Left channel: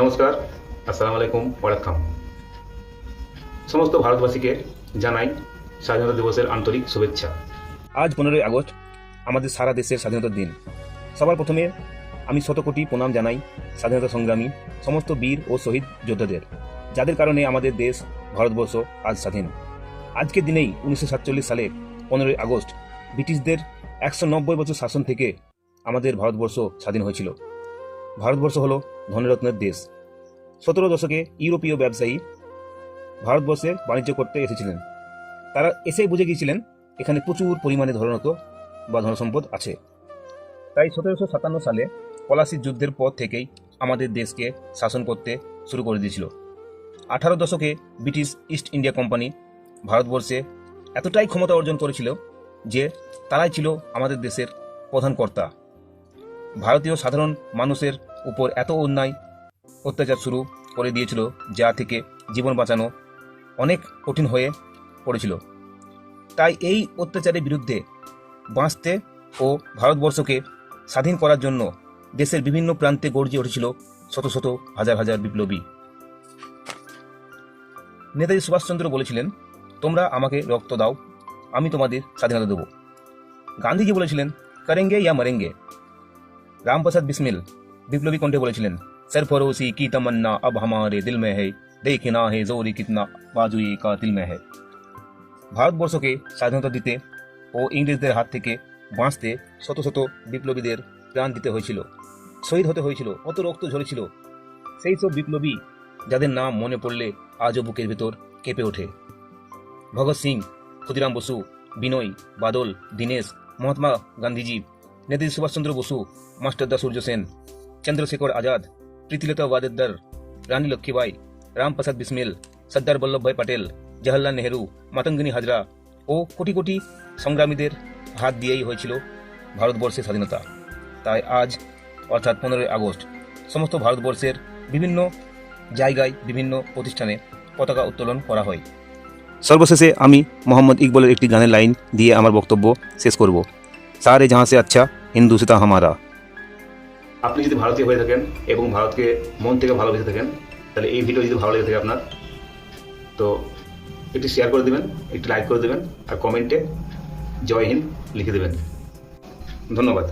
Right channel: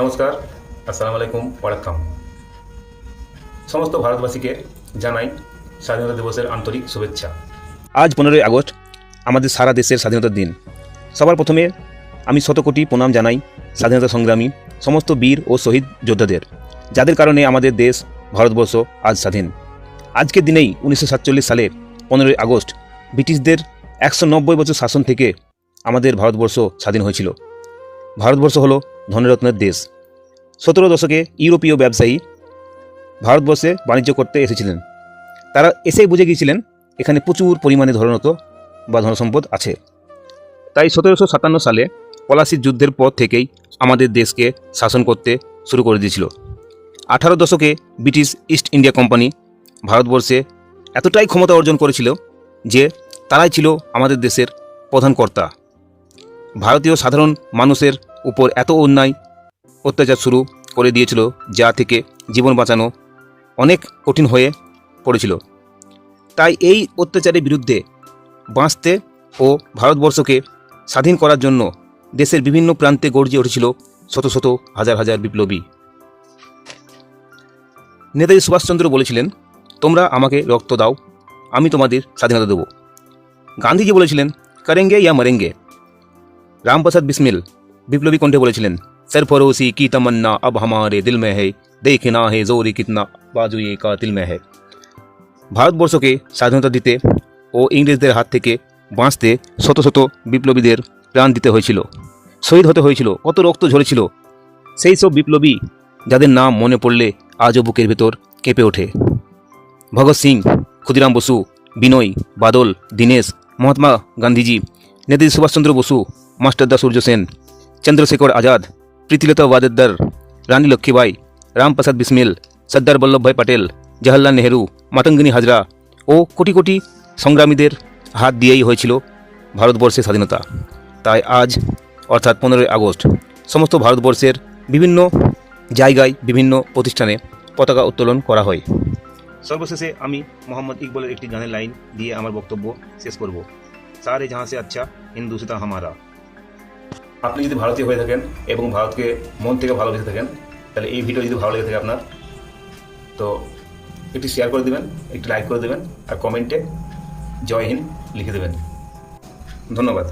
নমস্কার আসসালামু আলাইকুম ওয়ালাকাম সমস্ত ভারতবাসীকে জানাই স্বাধীনতা দিবসের আন্তরিক শুভেচ্ছা। আজ পনেরোই আগস্ট, আমাদের সারা দেশের স্বাধীনতার দিন। সবার প্রথমে আমি শতকোটি প্রণাম জানাই স্বাধীনতা সংগ্রামী, সমস্ত বীর ও শহীদ যোদ্ধাদের, যাদের কারণে আমাদের দেশ, ভারতবর্ষ আজ স্বাধীন। আজকের দিনেই উনিশশো সাতচল্লিশ সালে পনেরোই আগস্ট, ব্রিটিশদের একশো নব্বই বছর শাসন থেকে আমাদের ভারতবর্ষ স্বাধীন হয়েছিল। ভারতবর্ষ হলো ধনরত্নের দেশ। সতেরো দশকে ইউরোপীয় ব্যবসায়ী ভারতবর্ষে বাণিজ্য করতে এসেছিলেন। তারা এসেই বুঝে গিয়েছিলেন, এখানে প্রচুর পরিমাণে ধনরত্ন বা ধনসম্পদ আছে। তাই সতেরোশো সাতান্ন সালে পলাশির যুদ্ধের পর থেকেই আমাদের দেশকে শাসন করতে শুরু করে দিয়েছিল। আঠারো দশকে ব্রিটিশ ইস্ট ইন্ডিয়া কোম্পানি ভারতবর্ষে এতটাই ক্ষমতা অর্জন করেছিল যে তারাই ছিল আমাদের দেশের প্রধান কর্তা। ভারতীয় সাধারণ মানুষের উপর এত অন্যায়, অত্যাচার শুরু করে দিয়েছিল, যা থেকে জীবন বাঁচানো অনেক কঠিন হয়ে পড়েছিল। তাই এই অত্যাচারের বিরুদ্ধে বাঁচতে ও ভারতবর্ষকে স্বাধীন করার জন্য দেশের বিভিন্ন প্রান্তে গর্জে উঠেছিল শত শত হাজার হাজার বিপ্লবী। নেতাজি সুভাষচন্দ্র বলেছিলেন, তোমরা আমাকে রক্ত দাও, আমি তোমাদের স্বাধীনতা দেব। গান্ধীজি বলেছিলেন, করেঙ্গে ইয়া মরেঙ্গে। রামপ্রসাদ বিসমিল বিপ্লবী কণ্ঠে বলেছিলেন সর ফরোসি কি তমন্না अब हमारे दिल में है देखना है जोरी कितना बाजुए का दिल में है ভারতবর্ষকে স্বাধীনতা দিতে ও ইংরেজদের হাত থেকে বাঁচতে শত শত বিপ্লবীদের প্রাণ দিতে হয়েছিল শহীদ হতে হয়েছিল কত রক্ত ঝরেছিল সেই সব বিপ্লবী যাদের নাম মনে পড়লে আজও বুকের ভেতর কেঁপে ওঠে ভগৎ সিং ক্ষুদিরাম বসু বিনয় বাদল দীনেশ মহাত্মা গান্ধীজি নেতাজি সুভাষচন্দ্র বসু মাস্টারদা সূর্য সেন চন্দ্রশেখর আজাদ প্রীতিলতা ওয়াদেদার রানী লক্ষ্মীবাই, রামপ্রসাদ বিসমিল, সর্দার বল্লভভাই পটেল, জওহরলাল নেহেরু, মাতঙ্গিনী হাজরা ও কোটি কোটি সংগ্রামীদের হাত দিয়েই হয়েছিল ভারতবর্ষের স্বাধীনতা। তাই আজ, অর্থাৎ পনেরোই আগস্ট, সমস্ত ভারতবর্ষের বিভিন্ন জায়গায়, বিভিন্ন প্রতিষ্ঠানে পতাকা উত্তোলন করা হয়। সর্বশেষে আমি মোহাম্মদ ইকবলের একটি গানের লাইন দিয়ে আমার বক্তব্য শেষ করব। সারে জাহাঁ সে আচ্ছা হিন্দু সেতা হামারা। আপনি যদি ভারতীয় হয়ে থাকেন এবং ভারতকে মন থেকে ভালোবেসে থাকেন, তাহলে এই ভিডিও যদি ভালো লেগে থাকে আপনার, তো একটি শেয়ার করে দেবেন, একটি লাইক করে দেবেন, আর কমেন্টে জয় হিন্দ লিখে দেবেন। ধন্যবাদ।